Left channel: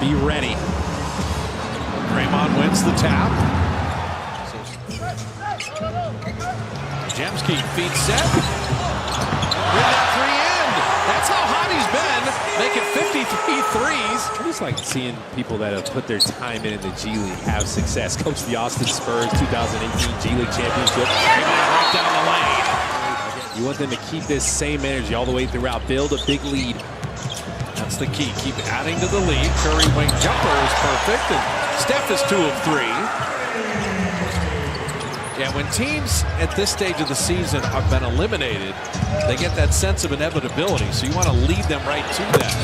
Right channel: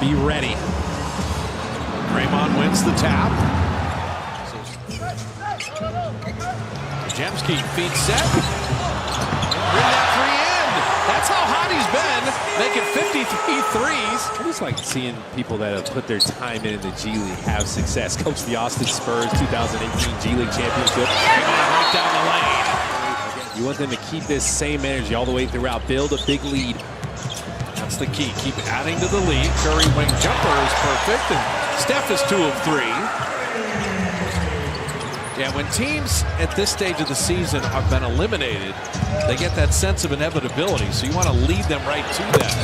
Be ready. Draymond wins the tap. Jemski feed set. And bring that three in. That's how hot he's been, making 53 threes. I just like seeing people that have put their time in the G League have success. Coach the Austin Spurs 2018 G League Championship. Draymond right down the lane. You want them to keep this same energy all the way throughout. Build a big lead. That's the key. Keep adding to the lead. Curry wing jumper is perfect, and Steph is 2 of 3. Yeah, when teams at this stage of the season have been eliminated, they get that sense of inevitability. So you want to lead them right to that.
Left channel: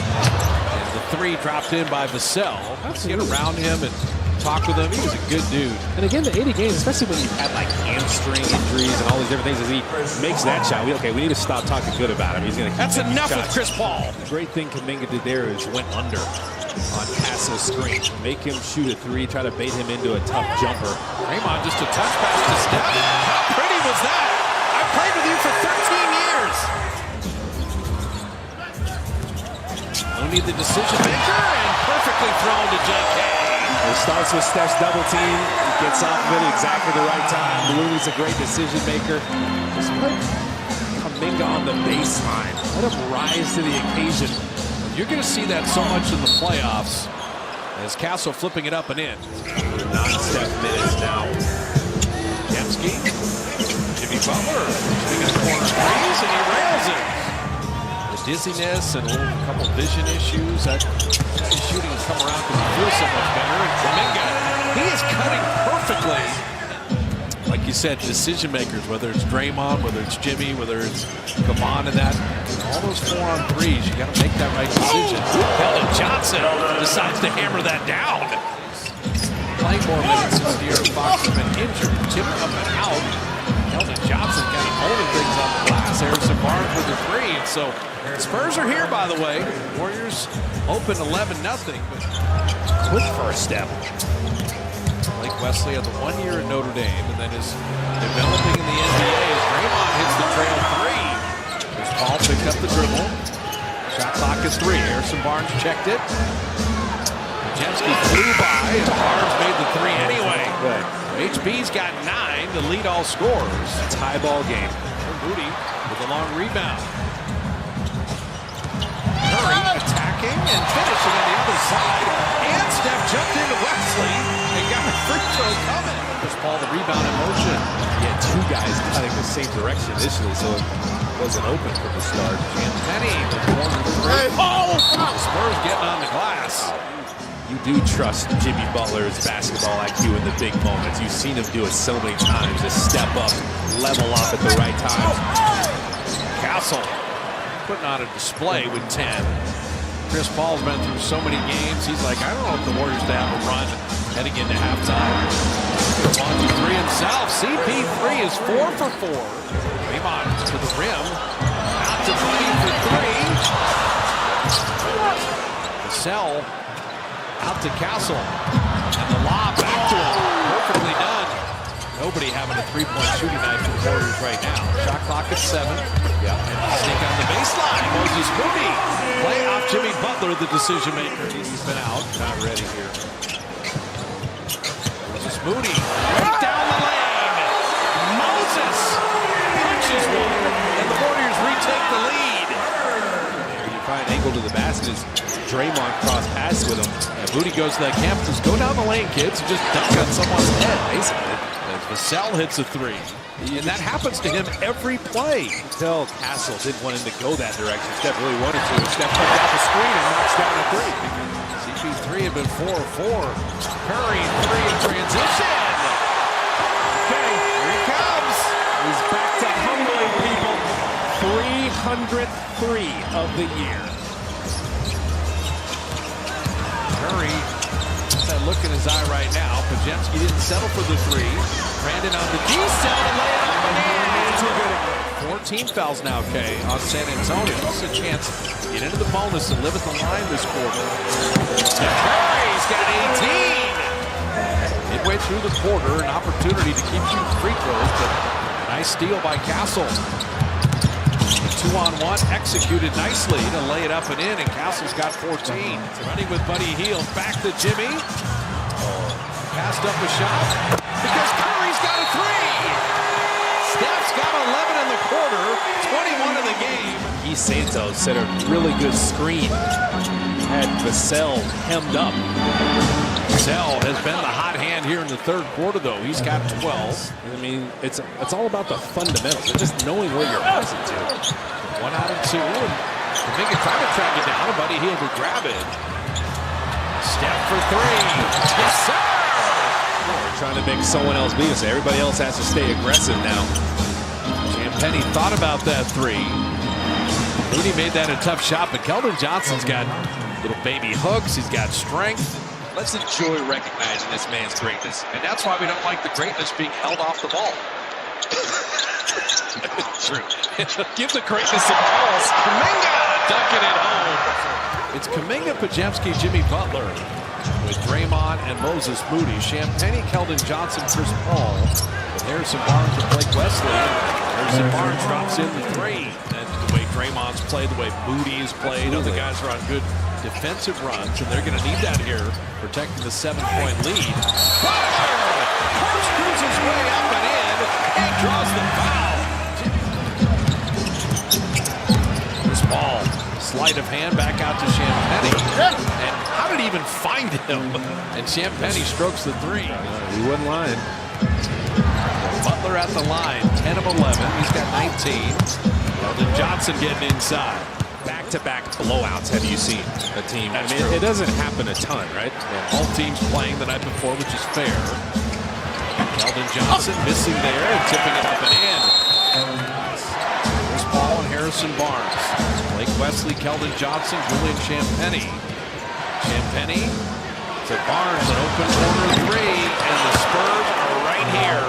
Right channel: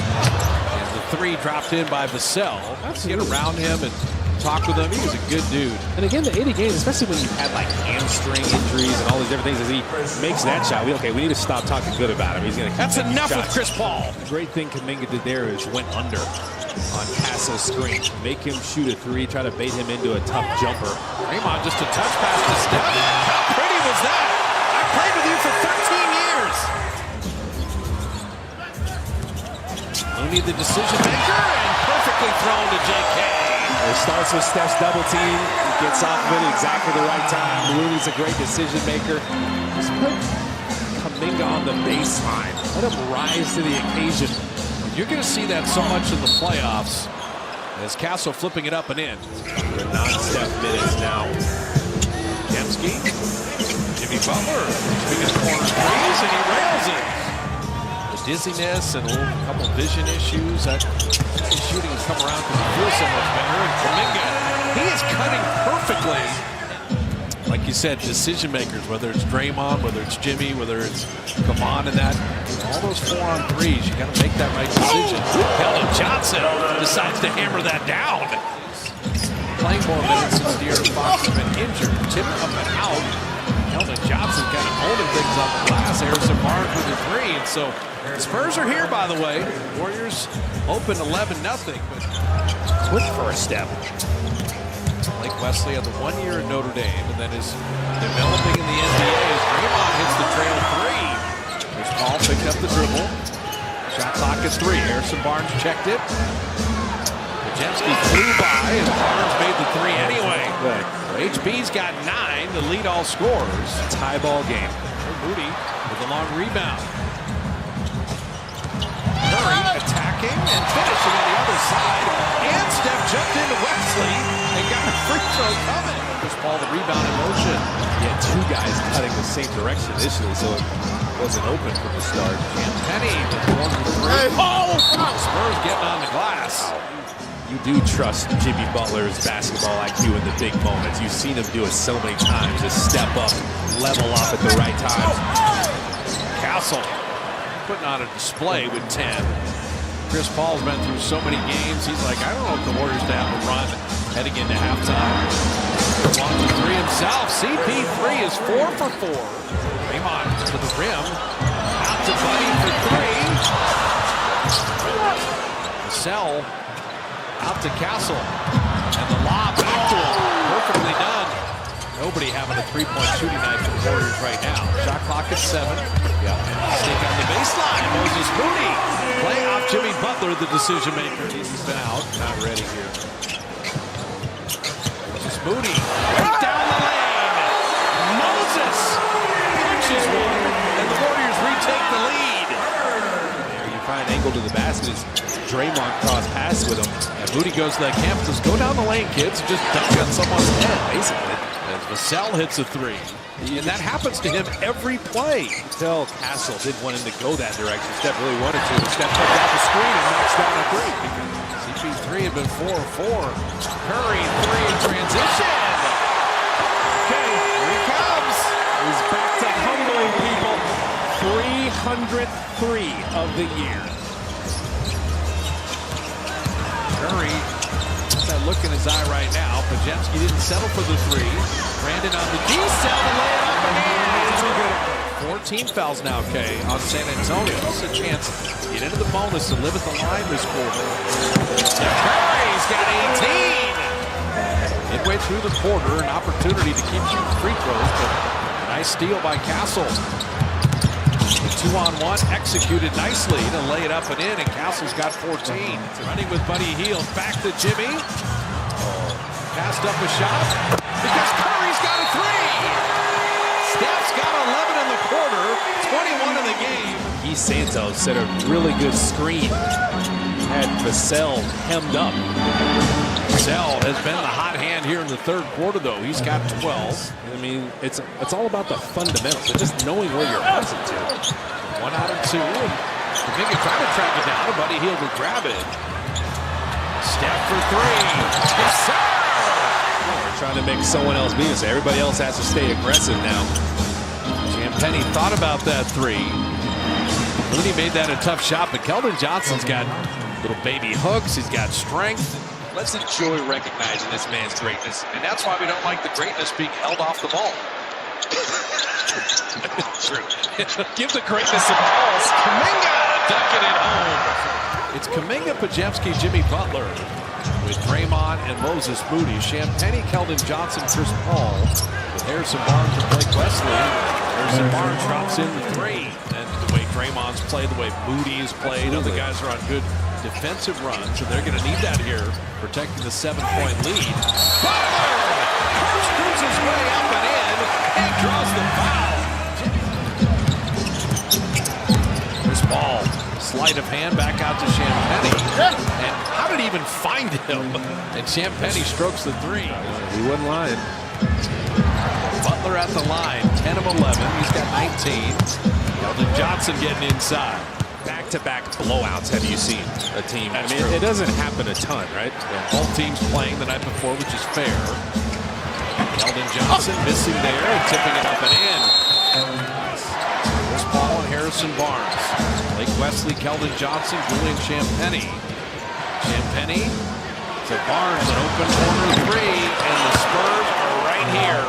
And the 3 dropped in by Vassell. Get around him and talk with him. He was a good dude. And again, the 80 games, especially when you've had like hamstring injuries and all these different things, as he makes that shot, we need to stop talking good about him. He's going to keep That's enough shots. With Chris Paul. The great thing Kuminga did there is went under on Castle's screen. Make him shoot a 3, try to bait him into a tough jumper. Draymond just a touch pass to Steph. How pretty was that? I played with you for 13 years. Looney the decision maker and perfectly thrown to JK. It starts with Steph's double team. He gets off of it at exactly the right time. Looney's a great decision maker. Just put Kuminga on the baseline. Let him rise to the occasion. You're going to see that so much in the playoffs as Castle flipping it up and in. The non-Steph minutes now. Jemski, Jimmy Butler, speaking of corner threes, and he rails it. The dizziness and a couple vision issues. That his shooting has come around because he feels so much better. And Kuminga, he is cutting perfectly. Like you said, decision makers, whether it's Draymond, whether it's Jimmy, whether it's Kevon and that, all those 4-on-3s, you got to make that right decision. Keldon Johnson decides to hammer that down. Playing more minutes since De'Aaron Fox has been injured. Tipped up and out. Keldon Johnson kind of owning things on the glass. Harrison Barnes with the 3. And so the Spurs are here, by the way. Warriors open 11-0, but quick first step. Blake Wesley had the 1 year at Notre Dame and then is developing in the NBA as Draymond hits the trail 3. Chris Paul picked up the dribble. Shot clock is 3. Harrison Barnes checked it. Jemski flew by and Barnes made the 3 anyway. Good. So HB's got 9 to lead all scorers. Tie ball game. Moody with a long rebound. Curry attacking and finishing on the other side. And Steph jumped into Wesley and got a free throw coming. Chris Paul, the rebound in motion. He had 2 guys cutting the same direction initially, so it wasn't open from the start. And Penny with corner 3. Oh! The Spurs getting on the glass. Wow. You do trust Jimmy Butler's basketball IQ in the big moments. You've seen him do it so many times. Just step up, level up at the right times. Castle putting on a display with 10. Chris Paul's been through so many games. He's like, I don't know if the Warriors to have a run heading into halftime. He's going to launch a 3 himself. CP3 is 4 for 4. Draymond to the rim. Out to Buddy for 3. Vassell out to Castle. And the lob back to him. Perfectly done. Nobody having a 3-point shooting night for the Warriors right now. Shot clock at 7. Yeah. And sneak on the baseline. Moses Moody. Play off Jimmy Butler, the decision maker. He's been out. Not ready here. Moses Moody. Right down the lane. Moses punches one. And the Warriors retake the lead. There you find an angle to the basket as Draymond cross pass with him. And Moody goes to that camp and says, go down the lane, kids, and just dunk on someone's head, basically. As Vassell hits a 3. And that happens to him every play. You can tell Castle didn't want him to go that direction. Steph really wanted to. And Steph comes off the screen and knocks down a 3. CP3 had been 4 of 4. Curry, 3 in transition. Okay, here he comes. He's back to humbling people. 303 of the year. Curry, that look in his eye right now. Pajemski didn't settle for the 3. Brandon on the D-cell to lay it up and in. Too good at it. 14 fouls now, Kay, on San Antonio. This is a chance to get into the bonus and live at the line this quarter. Steph Curry's got 18. Midway through the quarter, an opportunity to keep shooting free throws, but a nice steal by Castle. The 2-on-1 executed nicely to lay it up and in, and Castle's got 14. Running with Buddy Hield, back to Jimmy. Passed up a shot because Curry's got a three. Steph's got 11 in the quarter, 21 in the game. Guy Santos set a really good screen. Had Vassell hemmed up. Vassell has been the hot hand here in the third quarter, though. He's got 12. I mean, it's all about the fundamentals and just knowing where you're passing to. 1 out of 2, and Kuminga trying to track it down, and Buddy Hield will grab it. Steph for 3. Yes, sir! We're trying to make someone else beat us. Everybody else has to stay aggressive now. Champagnie thought about that 3. Looney made that a tough shot, but Keldon Johnson's got little baby hooks. He's got strength. Let's enjoy recognizing this man's greatness. And that's why we don't like the greatness being held off the ball. True. Give the greatness some balls. Kuminga ducking it home. It's Kuminga, Podziemski, Jimmy Butler with Draymond and Moses Moody. Champagnie, Keldon Johnson, Chris Paul with Harrison Barnes and Blake Wesley. Harrison Barnes drops in the 3. And the way Draymond's played, the way Moody's played, other guys are on good defensive runs, and they're going to need that here, protecting the 7-point lead. Butler corkscrews his way up and in, and draws the foul. Chris Paul, sleight of hand back out to Champagnie, and how did he even find him? And Champagnie strokes the 3. He wasn't lying. Butler at the line, 10 of 11. He's got 19. Keldon Johnson getting inside. Back-to-back blowouts have you seen a team? That's I mean, true. it doesn't happen a ton, right? Yeah, both teams playing the night before, which is fair. Keldon Johnson missing there and tipping it up and in. Chris Paul and Harrison Barnes. Blake Wesley, Keldon Johnson, Julian Champagnie. Champagnie to Barnes, an open corner 3, and the Spurs are right here.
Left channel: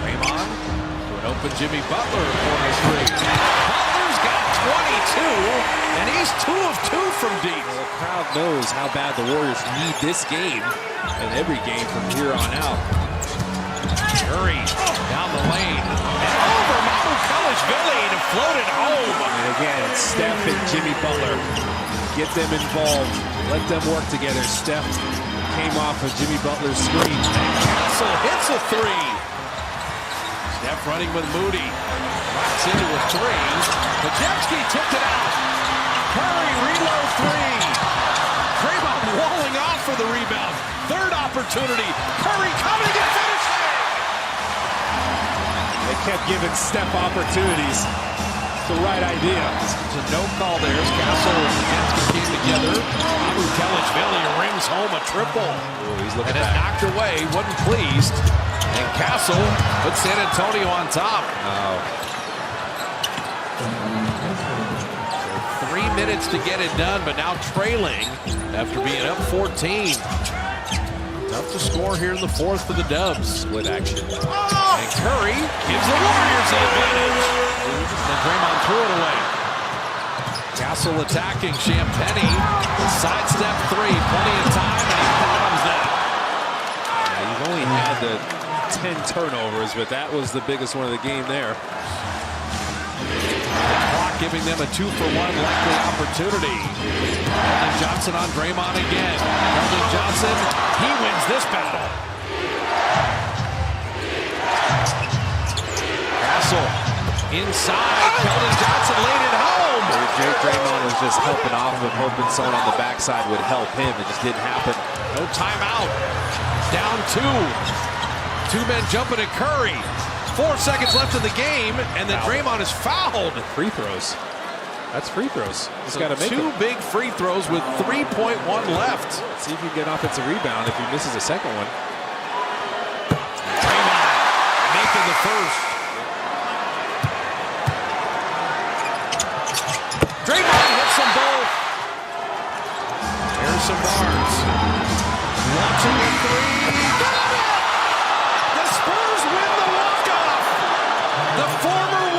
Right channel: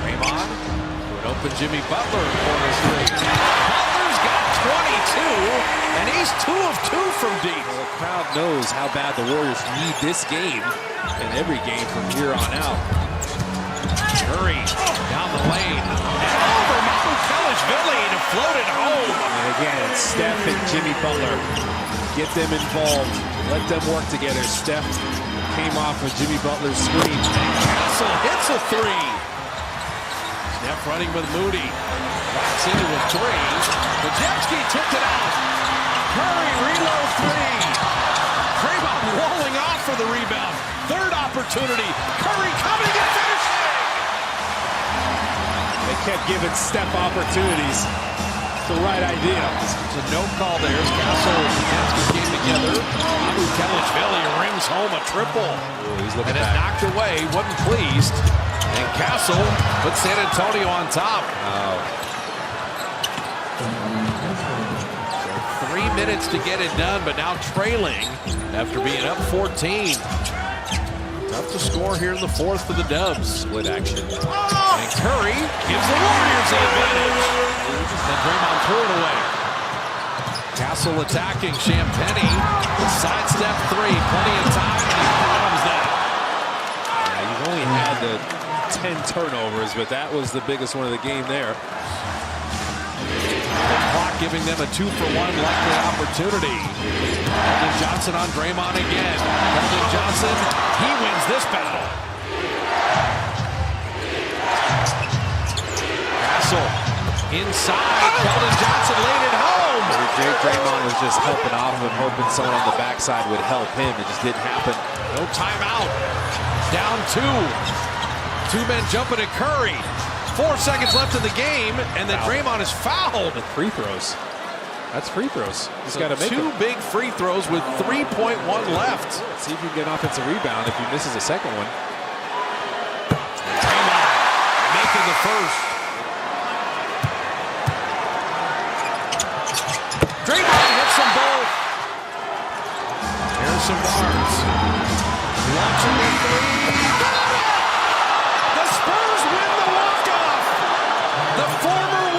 Draymond to an open Jimmy Butler, corner 3. Butler's got 22, and he's 2 of 2 from deep. Well, the crowd knows how bad the Warriors need this game and every game from here on out. Curry down the lane and over Mamukelashvili to float it home. And again, it's Steph and Jimmy Butler. Get them involved. Let them work together. Steph came off of Jimmy Butler's screen. And Castle hits a 3. Steph running with Moody. Rocks into a 3. Podziemski tipped it out. Curry reload 3. Draymond walling off for the rebound. Third opportunity. Curry coming and finishing. They kept giving Steph opportunities. It's the right idea. It's a no call there as Castle and Podziemski came together. Mamukelashvili rims home a triple. Ooh, he's looking and back. it knocked away. Wasn't pleased. And Castle put San Antonio on top. Oh. So 3 minutes to get it done, but now trailing after being up 14. Tough to score here in the fourth for the Dubs. Split action. And Curry gives the Warriors the advantage. And then Draymond threw it away. Castle attacking Champagnie. The sidestep 3. Plenty of time, and he bottoms that. Yeah, you've only had the 10 turnovers, but that was the biggest one of the game there. The clock giving them a 2-for-1 likely opportunity. Keldon Johnson on Draymond again. Keldon Johnson, he wins this battle. Castle inside. Keldon Johnson laid it home. Draymond was just helping off of him, hoping someone on the backside would help him. It just didn't happen. No timeout. Down 2. 2 men jumping at Curry. 4 seconds left in the game, and then Draymond is fouled. Free throws. That's free throws. He's So got to make 2 them. big free throws with 3.1 left. See if you can get an offensive rebound if he misses a second one. And Draymond making the first. Draymond hits them both. Harrison Barnes launching a 3. Got it! The Spurs win the walk-off. The former